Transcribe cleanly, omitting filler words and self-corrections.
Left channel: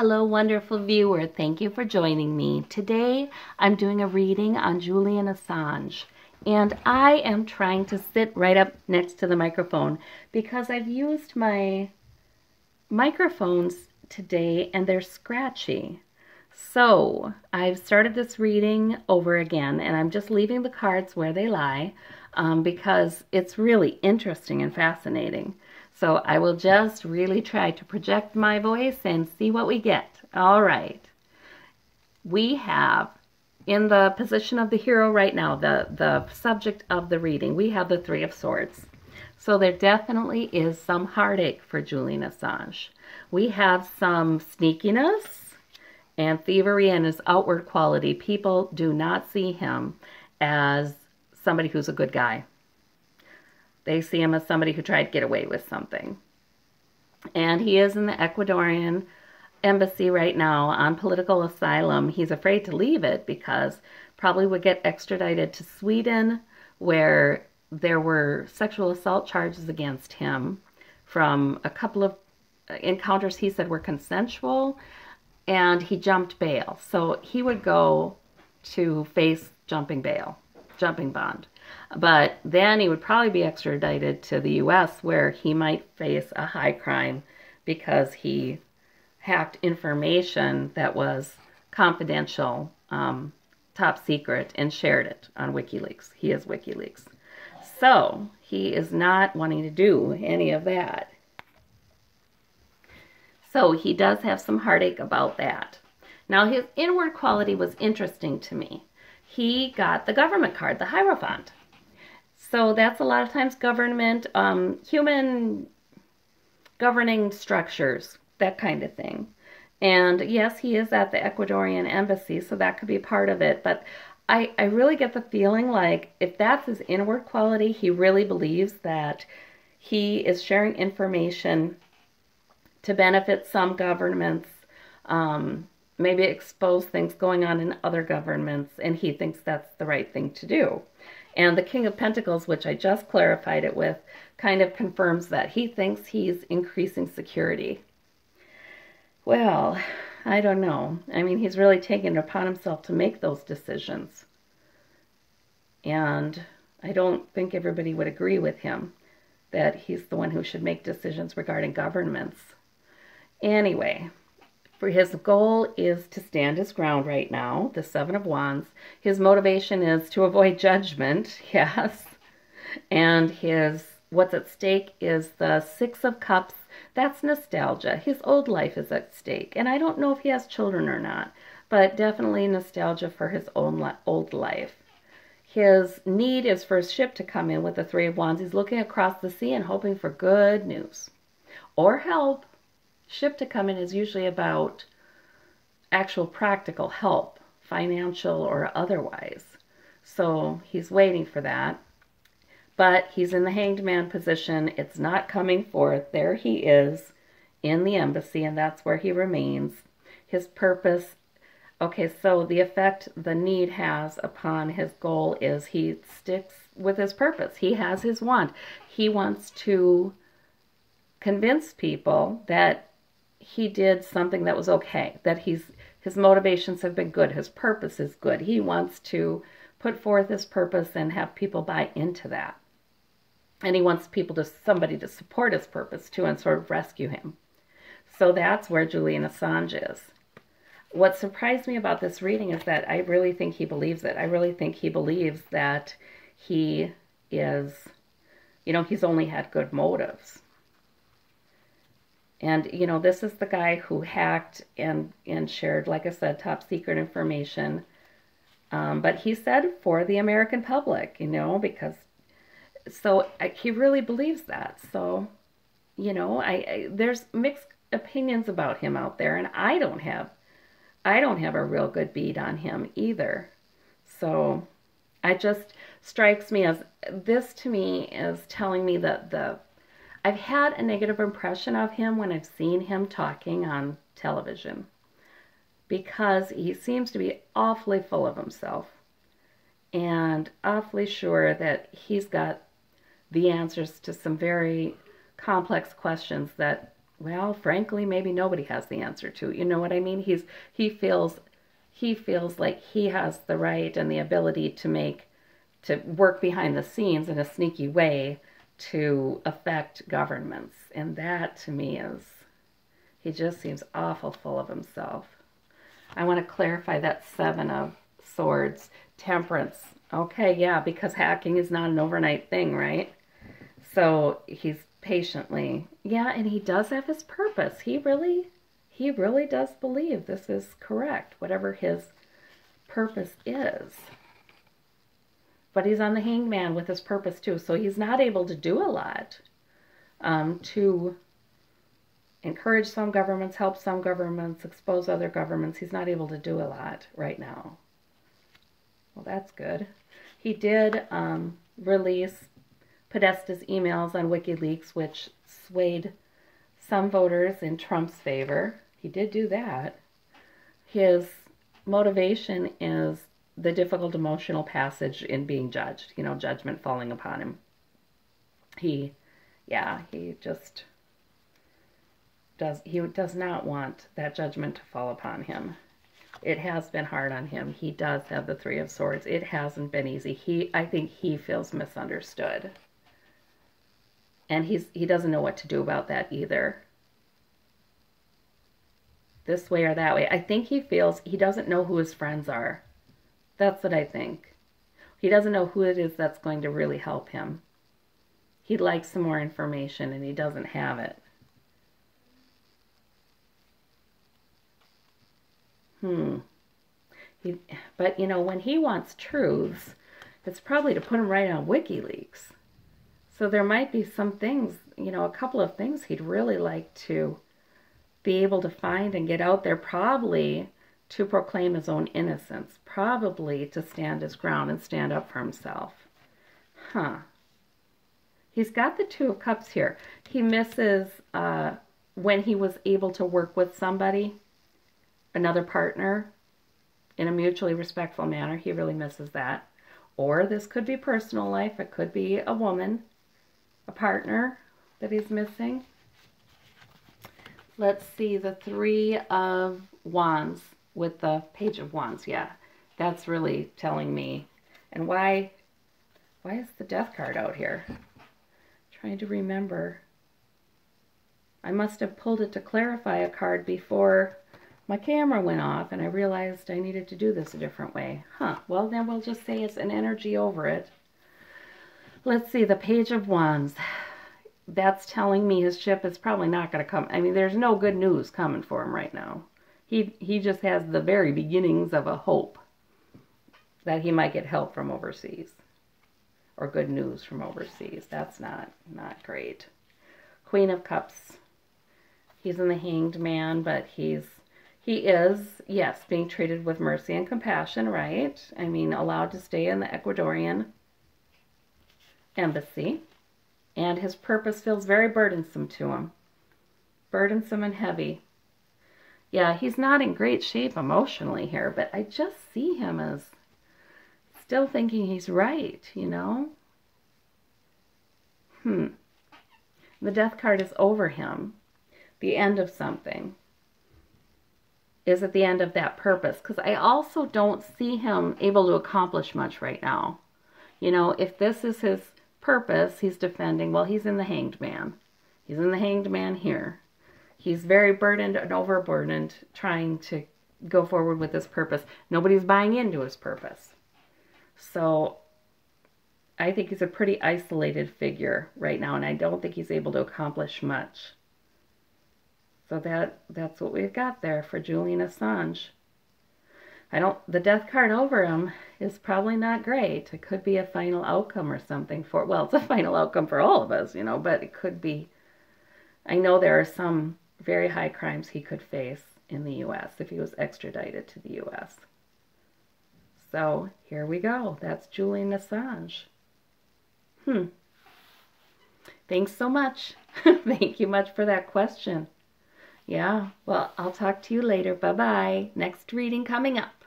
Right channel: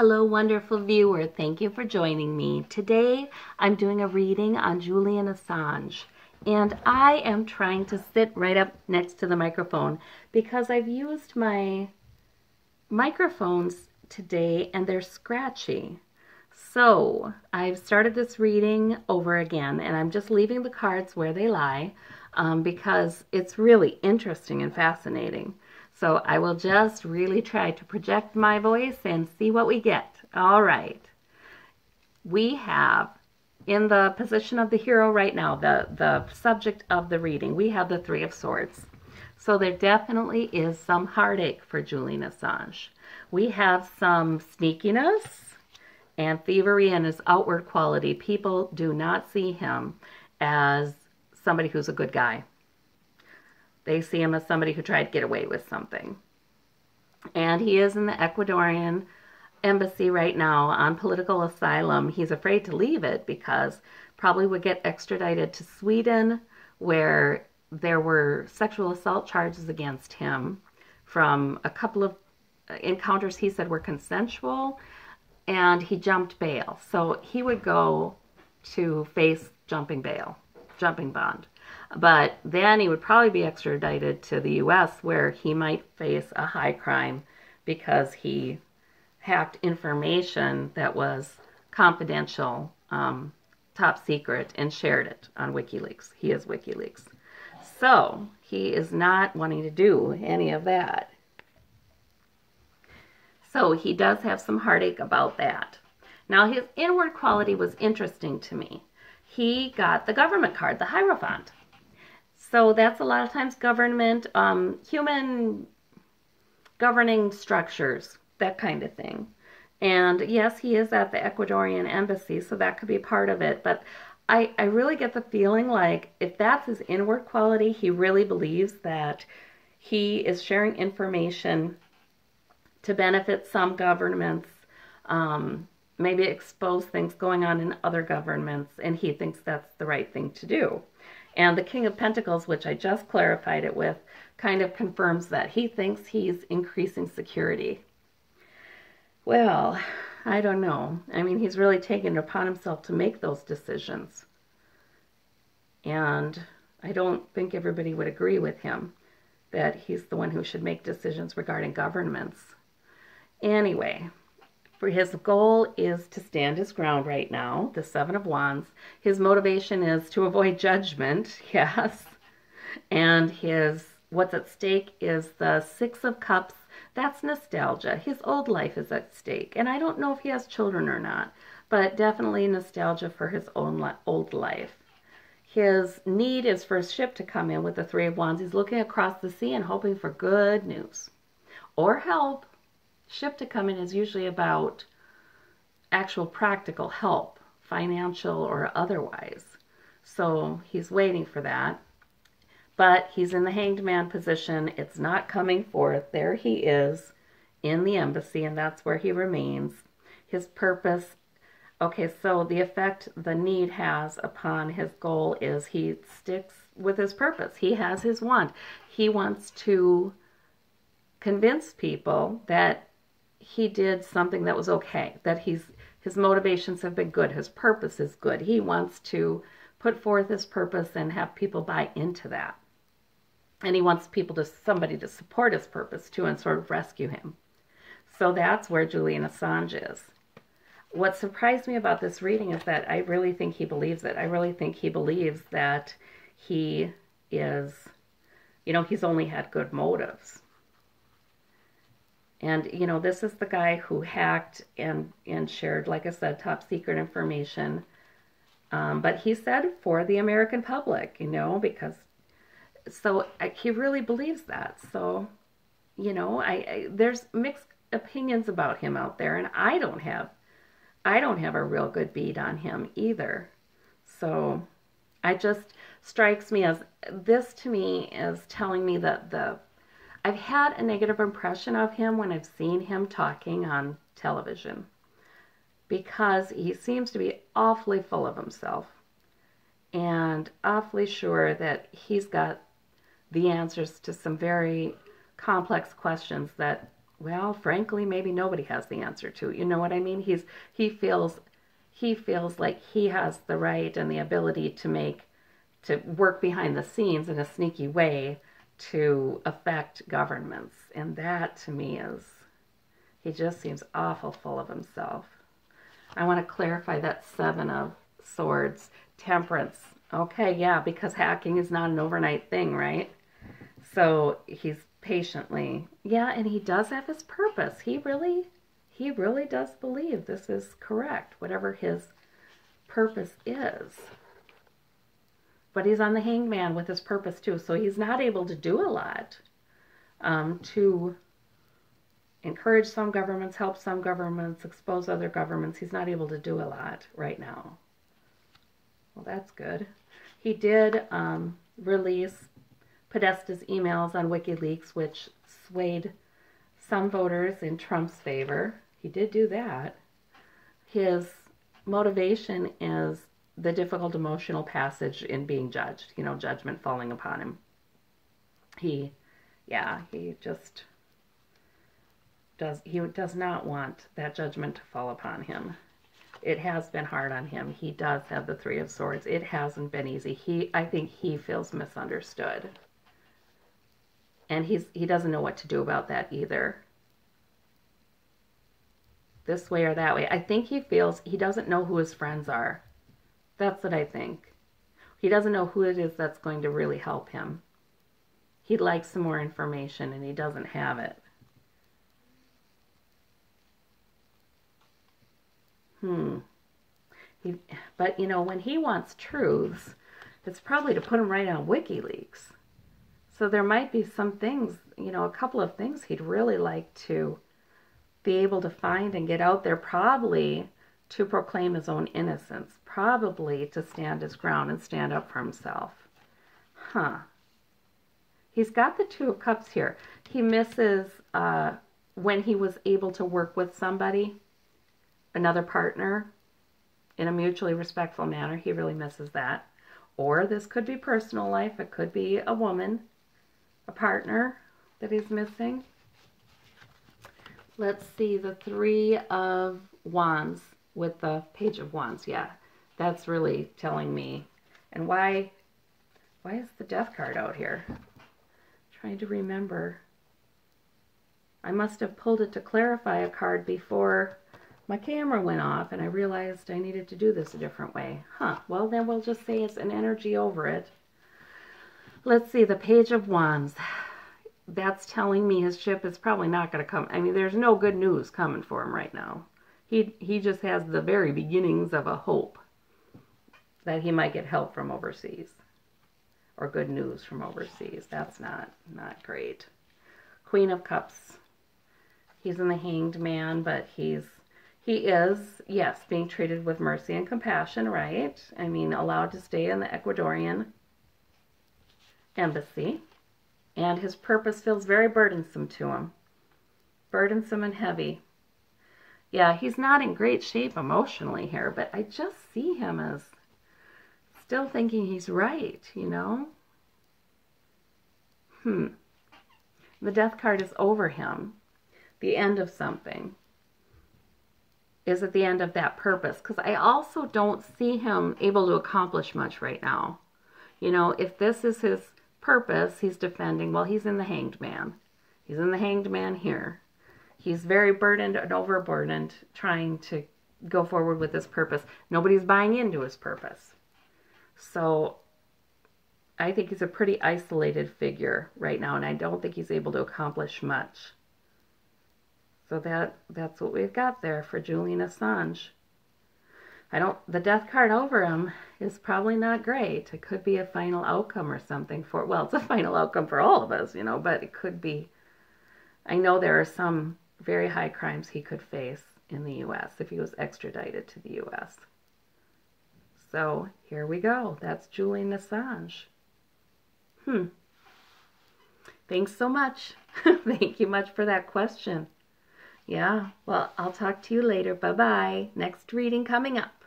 Hello, wonderful viewer. Thank you for joining me. Today, I'm doing a reading on Julian Assange, and I am trying to sit right up next to the microphone because I've used my microphones today and they're scratchy. So, I've started this reading over again, and I'm just leaving the cards where they lie because it's really interesting and fascinating. So I will just really try to project my voice and see what we get. All right. We have, in the position of the hero right now, the subject of the reading, we have the Three of Swords. So there definitely is some heartache for Julian Assange. We have some sneakiness and thievery in his outward quality. People do not see him as somebody who's a good guy. They see him as somebody who tried to get away with something. And he is in the Ecuadorian embassy right now on political asylum. He's afraid to leave it because probably would get extradited to Sweden, where there were sexual assault charges against him from a couple of encounters he said were consensual, and he jumped bail. So he would go to face jumping bond. But then he would probably be extradited to the U.S., where he might face a high crime because he hacked information that was confidential, top secret, and shared it on WikiLeaks. He is WikiLeaks. So he is not wanting to do any of that. So he does have some heartache about that. Now, his inward quality was interesting to me. He got the government card, the Hierophant. So that's a lot of times government, human governing structures, that kind of thing. And yes, he is at the Ecuadorian embassy, so that could be part of it. But I really get the feeling like if that's his inward quality, he really believes that he is sharing information to benefit some governments, maybe expose things going on in other governments, and he thinks that's the right thing to do. And the King of Pentacles, which I just clarified it with, kind of confirms that. He thinks he's increasing security. Well, I don't know. I mean, he's really taken it upon himself to make those decisions. And I don't think everybody would agree with him that he's the one who should make decisions regarding governments. Anyway, for his goal is to stand his ground right now, the Seven of Wands. His motivation is to avoid judgment, yes. And what's at stake is the Six of Cups. That's nostalgia. His old life is at stake. And I don't know if he has children or not, but definitely nostalgia for his own old life. His need is for a ship to come in with the Three of Wands. He's looking across the sea and hoping for good news or help. Ship to come in is usually about actual practical help, financial or otherwise. So he's waiting for that. But he's in the Hanged Man position. It's not coming forth. There he is in the embassy, and that's where he remains. His purpose, okay, so the effect the need has upon his goal is he sticks with his purpose. He has his wand. He wants to convince people that he did something that was okay, that his motivations have been good, his purpose is good. He wants to put forth his purpose and have people buy into that. And he wants somebody to support his purpose too and sort of rescue him. So that's where Julian Assange is. What surprised me about this reading is that I really think he believes it. I really think he believes that he is, he's only had good motives. And, this is the guy who hacked and shared, like I said, top secret information. But he said for the American public, because, he really believes that. So, there's mixed opinions about him out there, and I don't have a real good bead on him either. So it just strikes me as, this to me is telling me that I've had a negative impression of him when I've seen him talking on television, because he seems to be awfully full of himself and awfully sure that he's got the answers to some very complex questions that well, frankly, maybe nobody has the answer to. You know what I mean? He feels like he has the right and the ability to work behind the scenes in a sneaky way to affect governments. And that to me is, he just seems awful full of himself. I want to clarify that 7 of Swords, Temperance. Okay, yeah, because hacking is not an overnight thing, right? So he's patiently, yeah, and he does have his purpose. He really does believe this is correct, whatever his purpose is. But he's on the Hanged Man with his purpose too, so he's not able to do a lot to encourage some governments, help some governments, expose other governments. He's not able to do a lot right now. Well, that's good. He did release Podesta's emails on WikiLeaks, which swayed some voters in Trump's favor. He did do that. His motivation is the difficult emotional passage in being judged, you know, judgment falling upon him. He does not want that judgment to fall upon him. It has been hard on him. He does have the 3 of Swords. It hasn't been easy. I think he feels misunderstood. And he doesn't know what to do about that either. This way or that way. I think he feels he doesn't know who his friends are. That's what I think. He doesn't know who it is that's going to really help him. He'd like some more information and he doesn't have it. But, you know, when he wants truths, it's probably to put him right on WikiLeaks. So there might be some things, you know, a couple of things he'd really like to be able to find and get out there, probably to proclaim his own innocence, probably to stand his ground and stand up for himself. He's got the 2 of Cups here. He misses when he was able to work with somebody, another partner, in a mutually respectful manner. He really misses that. Or this could be personal life. It could be a woman, a partner that he's missing. Let's see, the 3 of Wands with the Page of Wands. Yeah, that's really telling me. And why is the Death card out here? Trying to remember. I must have pulled it to clarify a card before my camera went off, and I realized I needed to do this a different way. Well, then we'll just say it's an energy over it. Let's see, the Page of Wands. That's telling me his ship is probably not going to come. I mean, there's no good news coming for him right now. He just has the very beginnings of a hope that he might get help from overseas. Or good news from overseas. That's not great. Queen of Cups. He's in the Hanged Man, but he is, yes, being treated with mercy and compassion, right? I mean, allowed to stay in the Ecuadorian embassy. And his purpose feels very burdensome to him. Burdensome and heavy. Yeah, he's not in great shape emotionally here, but I just see him as still thinking he's right, you know? The Death card is over him. The end of something is at the end of that purpose, because I also don't see him able to accomplish much right now. You know, if this is his purpose, he's defending, well, he's in the Hanged Man. He's in the Hanged Man here. He's very burdened and overburdened trying to go forward with his purpose. Nobody's buying into his purpose. So I think he's a pretty isolated figure right now, and I don't think he's able to accomplish much. So that's what we've got there for Julian Assange. The Death card over him is probably not great. It could be a final outcome or something for, well, it's a final outcome for all of us, you know, but it could be, I know there are some very high crimes he could face in the U.S. if he was extradited to the U.S. So here we go. That's Julian Assange. Thanks so much. Thank you much for that question. Yeah, well, I'll talk to you later. Bye-bye. Next reading coming up.